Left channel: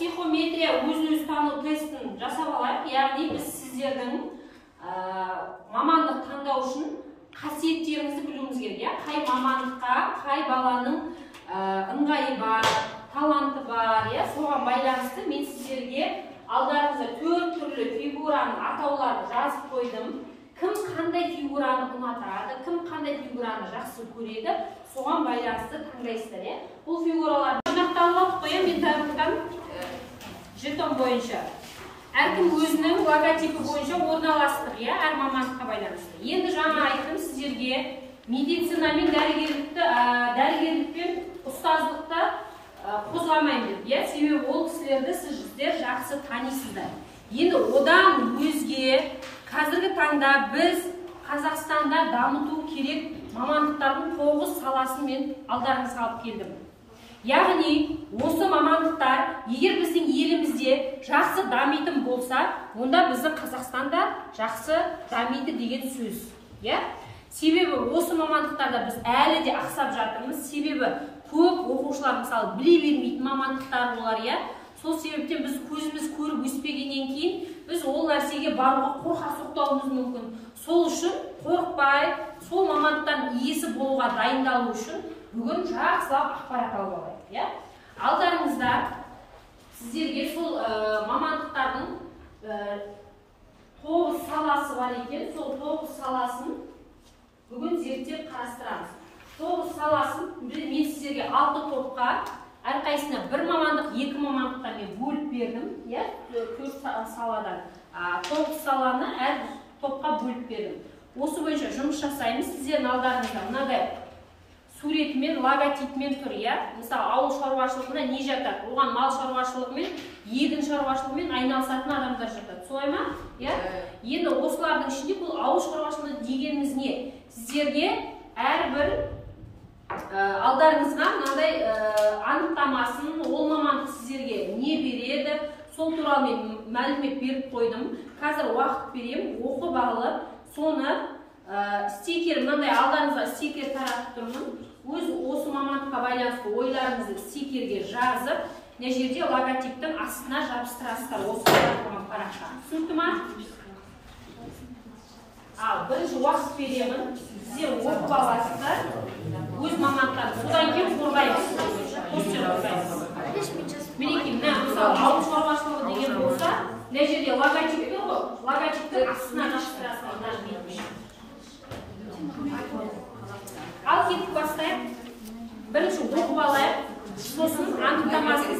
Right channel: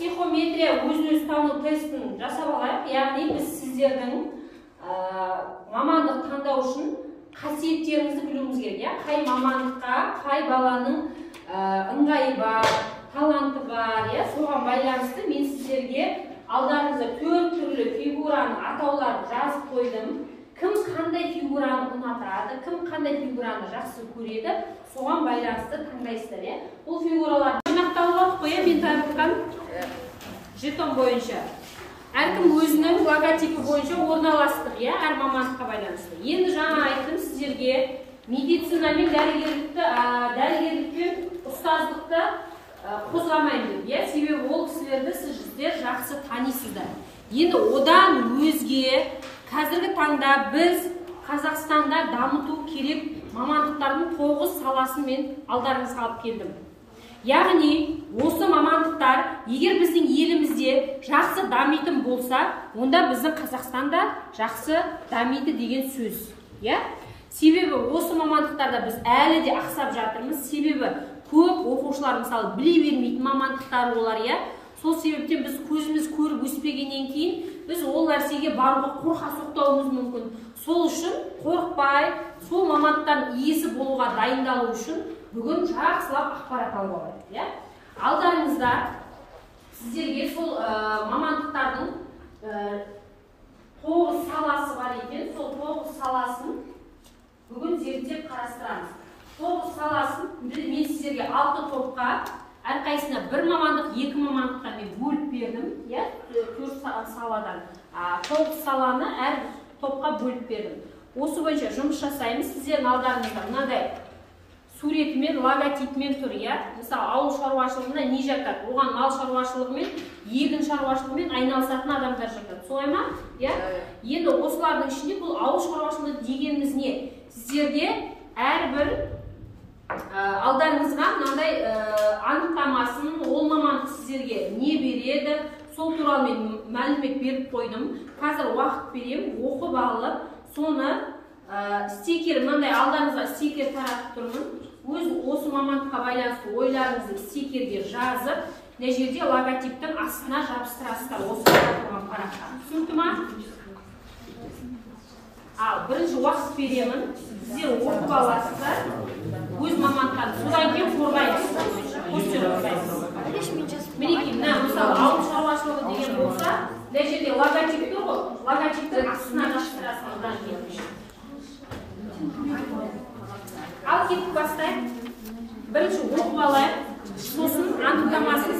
психометрия өзін-өзі тану тестін жасап алайық. Яғни біз сіздердің мамандық таңдау үшін қасиеттеріңізді білуіміз керек. Қай мамандыққа, қай баланың ыңғайы бар, таланты бар, соған байланысты мен сіздерге алдарыңызда 4 түрлі фигураны атауларын жазып қойдым. Кім қандай фигураны ұнатады, кім қандай фигураны жақсы көреді, соған байланысты таңдайсыздар. Бұл фигуралар жинақталып қоя, мен таратқан жетон бойынша. Әркім өзінің логотипі бойынша орналастыр, әр мамандыққа байланысты. Енді жаңа айттым сіздерге медицина мен дәрігерлікпен ұстаздықты қозғамаймын. Себебі ол кісілерді сіздер жақсы танисыздар. Енді одан өзге қазіргі таңда біз Қазақстанда дамыту керек мамандықтардың 9 саласын мен алдарыңызға алып келдім. Яғни осы мамандықтар егер біздің елімізде жақсы дамитын болса, онда біздің Қазақстанда жақсы дамиды деген сөз. Себебі осы мамандықтарда біз әлі де ақсап жатырмыз. Себебі көп оқушылар мысалы біле бермейтін мамандықтар олар. Сол себептен біз көзіміз көріп өспегеннен кейін біз ол нәрсеге баруға қорқа соқтауымыз мүмкін. Сол үшін қорықпай, сол мамандықтардың иесі болуға дайындалу үшін бүгін жақсылап ақпарат алып алайық. Алдарыңызда сіздерге сол мамандықтардың 9 саласы бар екен. Сол 9 саласын бүгін зерттеп қарастырамыз. 9 саласын мен сіздерге 6 топқа, әрқайсына бір мамандық, 2 мамандықтан мен бөліп бердім. 4 саладан 9 саланы әр топқа бөліп бердім. Осы бойынша жұмыс жасаймыз. Сіздердің алдарыңызда мынадай суретімен, логотипмен тұр. Мысалы, ауыл шаруашылығында не жатады? Оған мал шаруашылығымен, егін шаруашылығымен айналысатын адамдар жатады. Солай ма? Енді осылардың ішінде бұл ауыл шаруашылығы дегеніміз не? Сіздерге әрбір алдарыңызға мынандай анықтамасын, ол мамандық сіздерге не береді, сол туралы мен мәлімет беріп қойдым. Қазір уақыт берем, оқып алып, соны стикер, мынандай алдарыңызға стикер таратып тұрмын. Осы мамандыққа байланысты ойларыңызды стикерге жазып, мына жерде логотиптің астына жабыстырасыздар. Осы таратылған параққа. Түсінікті ма? Бірінші уақыт беремін. Сіздер оқып аласыздар. Өз мамандықтарын. Содан кейін қорғаймыз. Мінекей, мысалы, ауыл шаруашылығы деген болса, мына жерде логотип жоқ қой. Логотиптің астына жабыстырасыздар. Ал кетіп бастайық. Бірінші оқып алайық. Сосын анықтамасын